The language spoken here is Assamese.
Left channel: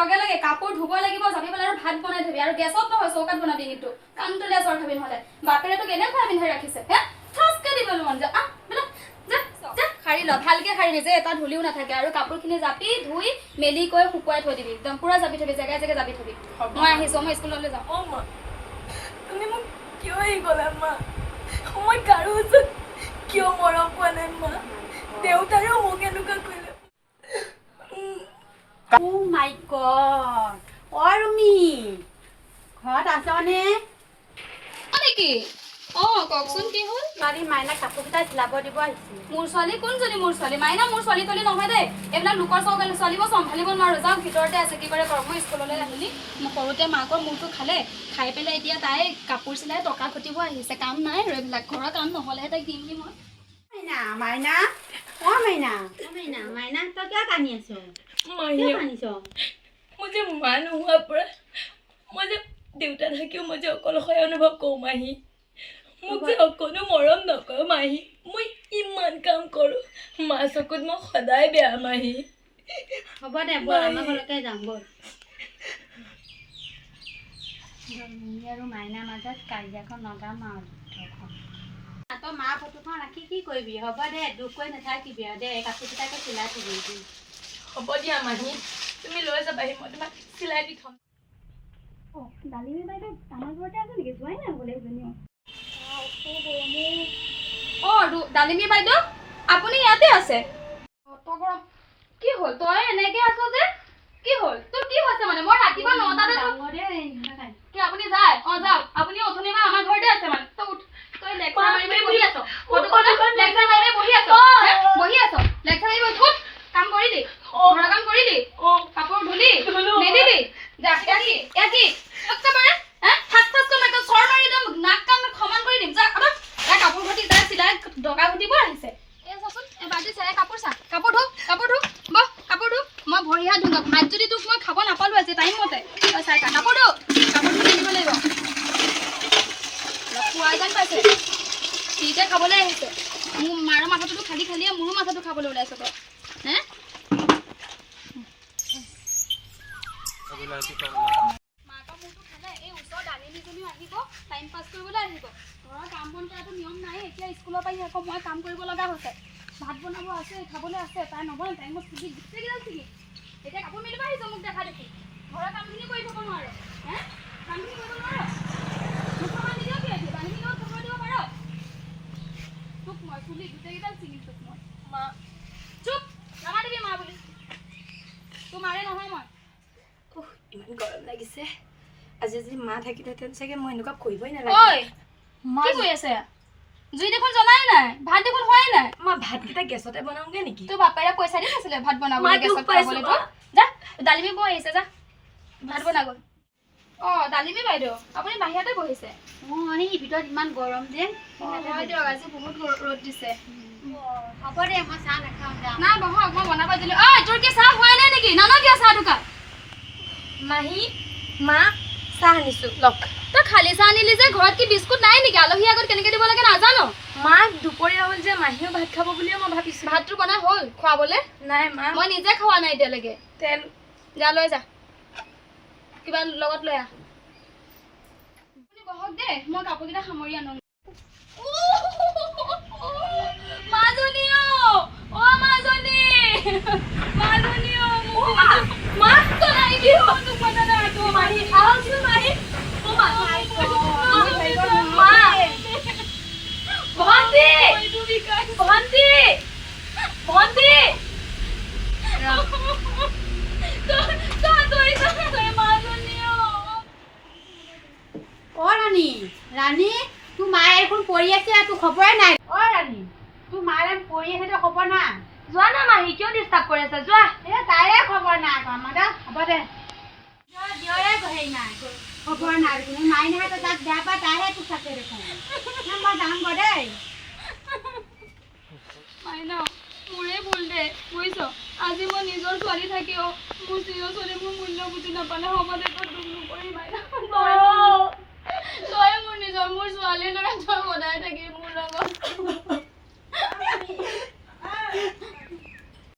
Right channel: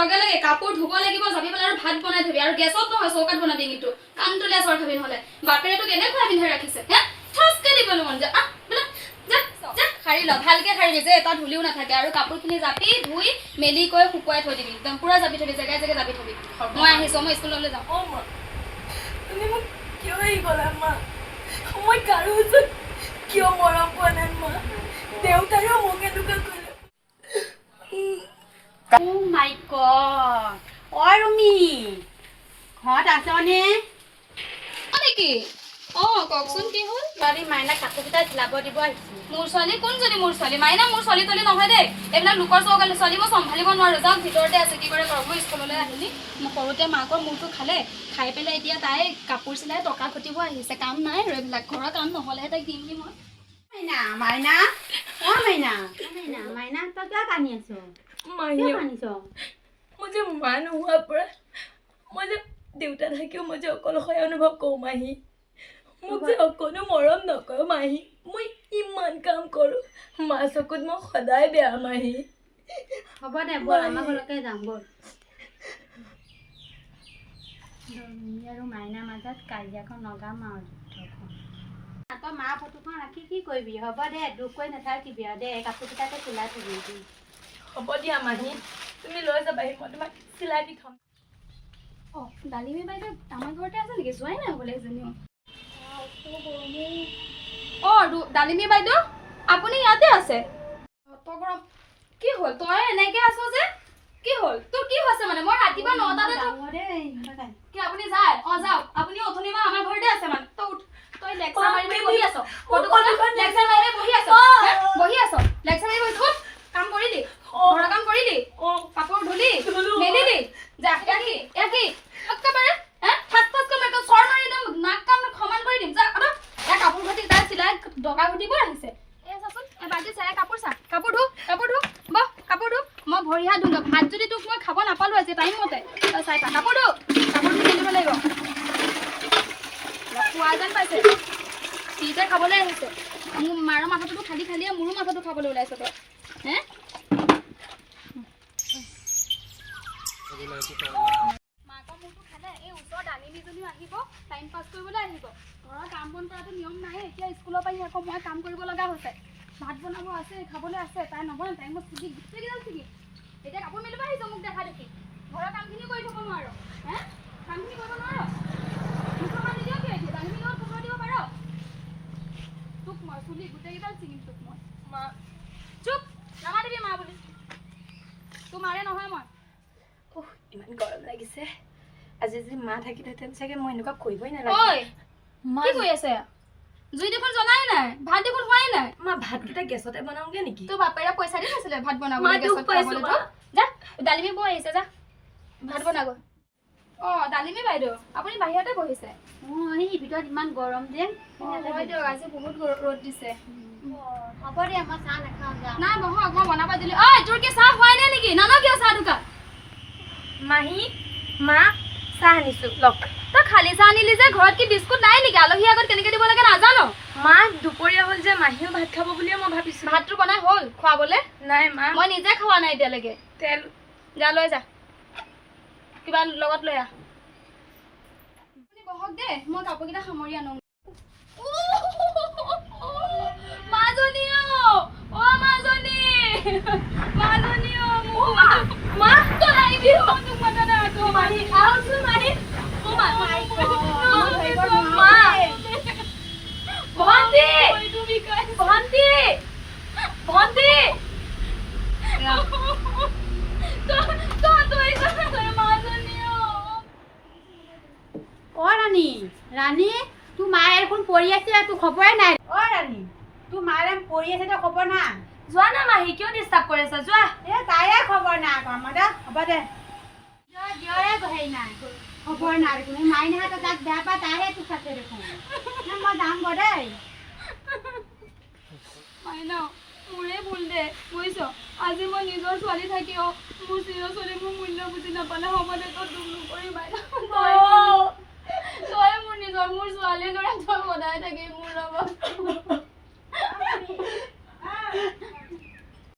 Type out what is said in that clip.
লগে লগে কাপোৰ ধুব লাগিব যাবি পেলাই আৰু ভাত বনাই থবি আৰু গেছত নহয় চৌকাত বনাবি কিন্তু কামটোলে চৰ খাবি নহ'লে বাপেৰে তোক এনেকুৱা পিন্ধাই ৰাখিছে হে ঠচকে দিবলৈ মন যায় বোলে যা শাৰী ল ভালকে শাৰী যে এটা ধুলিও নাথাকে আৰু কাপোৰখিনি জাপি ধুই মেলি কৈ শুকুৱাই থৈ দিবি একদম পুৰা জাপি থবি জেগাই জেগাই জাপি থবি মই আহিছো মই স্কুললৈ যাওঁ মা তুমি মোক কিয় এই গলা মা মই কাৰো ওচৰত কিয় মৰম পোৱা নাই মা দেউতাৰো মোক এনেকুৱা কৰিলে Oh my god! Oh, Rumi! ঘৰত আছনে? নেকি কওকচোন কি হ'ল ছোৱালী মাইনা কাপোৰকেইটা চিলাব দিব আহিছোঁ মোৰ ছোৱালী কোনজনী মোৰ ছোৱালী মাইনা মোৰ ছোৱালী তলি নহয় দেই এইবিলাক লোকৰ চৌকালে ছোৱালী মই চম্ভালিব নোৱাৰো যাওক ভিতৰতে আছে কি কৰে কৰক মই স্কুললৈ আহিলি মই সৰুতে মাকৰ মূৰটো খালে খাই পেলাই এতিয়া তাই কাপোৰ চিলাই টকা ঘটিব আহিছে কাম নাই আৰু এইবিলাক ঘৰৰ কাম নহ'লেহে তাইক দিম কি মই মাইনা মাইনা মাইনা তই কিয় কান্দি আছ কিয় কান্দিছ মই যে মা নোহোৱাৰ পৰা মই যে দেউতা থাকিও মই যে অকলশৰে অনুভৱ কৰোঁ মাহী মোক যে অকণো মৰম নকৰোঁ মাহী মই ইমান কাম কৰোঁ মা চকুত মই সদায় বেয়া মাহী হ'ব দে ব'ল আমাৰ ঘৰলৈকে যাম ব'ল আৰু মাইনাৰ মাজত কাজিয়াখন লগাম আৰু যুদ্ধখন তই মা ফটোখন ৰাখি কি কৰিবি হ'ব দে দুখ কৰি নাথাকিবি আৰু দে কাপোৰকেইটাকে চিলাই থবি হ'ব দিয়া মাহী তুমি লৈ যাবাহি মই তোমাক চিলাই দি থ'ম ডালিমী বাইদেউ আমাৰ ঘৰতে আছে নেকি যোৱাই নাই বোলে এজনীও ডালিমী বাইদেউ আপুনি ইয়াতে আছে গৰম কি হ'ল তই এনেকে আছ যে কি হ'ল তোৰ কি হৈছে মানে মই ৰাতিপুৱা 9টাতে কি আপুনি যায় যাওক আপুনি অথনিৰ পৰা আমাৰ ঘৰতে আছে মানে তই লেকচাৰ মাৰি বহি আছ লেকচাৰ মাৰি বহি আছ লেকচাৰ মাৰি উঠ কাম কৰিলি ঘৰৰ কাম কৰিলি কাপোৰ ধুলি মেলিলি যা কি একেবাৰে ঠাচ কৰি চৰ মাৰি একদম নাক কাণ সমান কৰি দিম যা কাপোৰ ঘটি তাই চিলাই ডগা ঘটিব আহিছে চাচোন বাল্টি চাই কাপোৰ চা কাপোৰ ধু বহ কাপোৰ ধু মই ভৰি হাত ধুম ভাত যদি তোক মই খাব নাপালো আজি টাইম মতে তই চাই কাপোৰ ধু মেলিব লাগিব খোৱা যেন পাইছে সিতে খাবলৈ আহিছে মোৰ মাৰৰ মাথাটো খালি খালিয়ে মোৰো মাথাটো খাবলৈ ওলাইছ তই হে মাকৰ মোৰটো খালে এই ওচৰৰ ডালিমীজনীও আহিব টাইম পাছ কৰিবলৈ আহিব ঘৰৰ কাম বন কৰাটো নিয়ম নাই এতিয়া স্কুলৰ পৰা আকৌ মই কাম কৰিব লগা হৈছে ভাত বনাব আছে খাবলৈ আছে তাই নবনাই তাই মই ছিগি গোটেইকেইডাল ছিগি এতিয়া কাপোৰ মেলিব আহিছ মোক দেখা দেখি ঘৰৰ কামখিনি কৰি থ'ব নোৱাৰো হে কামখিনি কৰিব নোৱাৰো মোক সময় নিদিয় কি এতিয়া ডালিমী লগত সময় দিব পাৰ তোক মই চুলি গোটেইকেইডাল ছিগিম তোক মই মা চুপ নামাতিবি মা বুলি তোৰ মাৰে নহয় মই ইমান গৰম লাগিছে আজি যদি মা থাকিলেহেঁতেন চাগে মই এনেকুৱা কৰিবই নালাগে কি কৰি আছে জুই দেখোন জ্বলাই নাই ভাত দেখোন হোৱাই নাই মা ভাতকেইটা গেছতে বনাওঁগে নেকি তোৰ বাপেৰে পইচা দি থৈছিলে ভাত বনাবলৈ গেছত খাবলৈ যা ডালিমী বৌ আহিছে যা ভাত বনাগৈ ডালিমী বাইদেউ আপুনি বাহিৰতে বহিছে এই ভিতৰত ইমান গৰম যে হয় দিয়ক আজি বহুত ৰ'দ দিছে হ'ব দে মই চাহ নাখাওঁ যা নাই বহক মই বনাব দিলোঁ তোৰ কি চাহ হোৱাই নাই নেকি নান কিয় চাহ দোকান মাহী মা চাহ আনিছোঁ লওক তই খালি চাহ আনিলি যে ঘৰত কি বিস্কুট নাই নেকি আলহী আগত কেনেকৈ দিব লাগে নাজানো মা দুপৰীয়া হ'ল যে মাহীও ভাত খাব বুলিয়ে মই ভাবিছোঁ ভাতটো বনাই হ'ল খুৱাবলৈ নাই মা মই নিজে খোৱা নাই এতিয়ালৈকে তেল যা লৈ যা কিবা লগত লৈ আহ আপুনি বহক দে মই কাপোৰকেইটা সামৰি আনো মাজনী মা তলাই দিও তোক মনা নাই তো মাহি আহছো মাহি মা ভন্তি ৰাণী তোৰ মায়ে এখন পৰি আছে তোৰ খবৰে নাই ৰাণী তোৰ মায়ে পৰি আছে তই খবৰ না যোৱা না মাহী কিয় ডিষ্টাৰ্ব কৰি আছা যোৱা তাৰে খবৰ নাই আমাৰ দে হ'ব দে হেৰি নাই খবৰ নাই কোনো মাই নহয় তই তাক বেয়া পাই তাইহে তোক থাকে দেখোন মই যাম গৈ দেই মাইনা মোৰে ভুল দে বুজিছ আজি মই নিজৰ ছোৱালী থাকিও মোৰ চিৰ ছোৱালী মোৰ মূল্য বুজি নাপালে হ'ব দে তই দুখ নকৰি মাইনা তই মোৰ নিজৰ মোৰ ছোৱালীৰ দৰে তই সদায় থাকি মোৰ লগত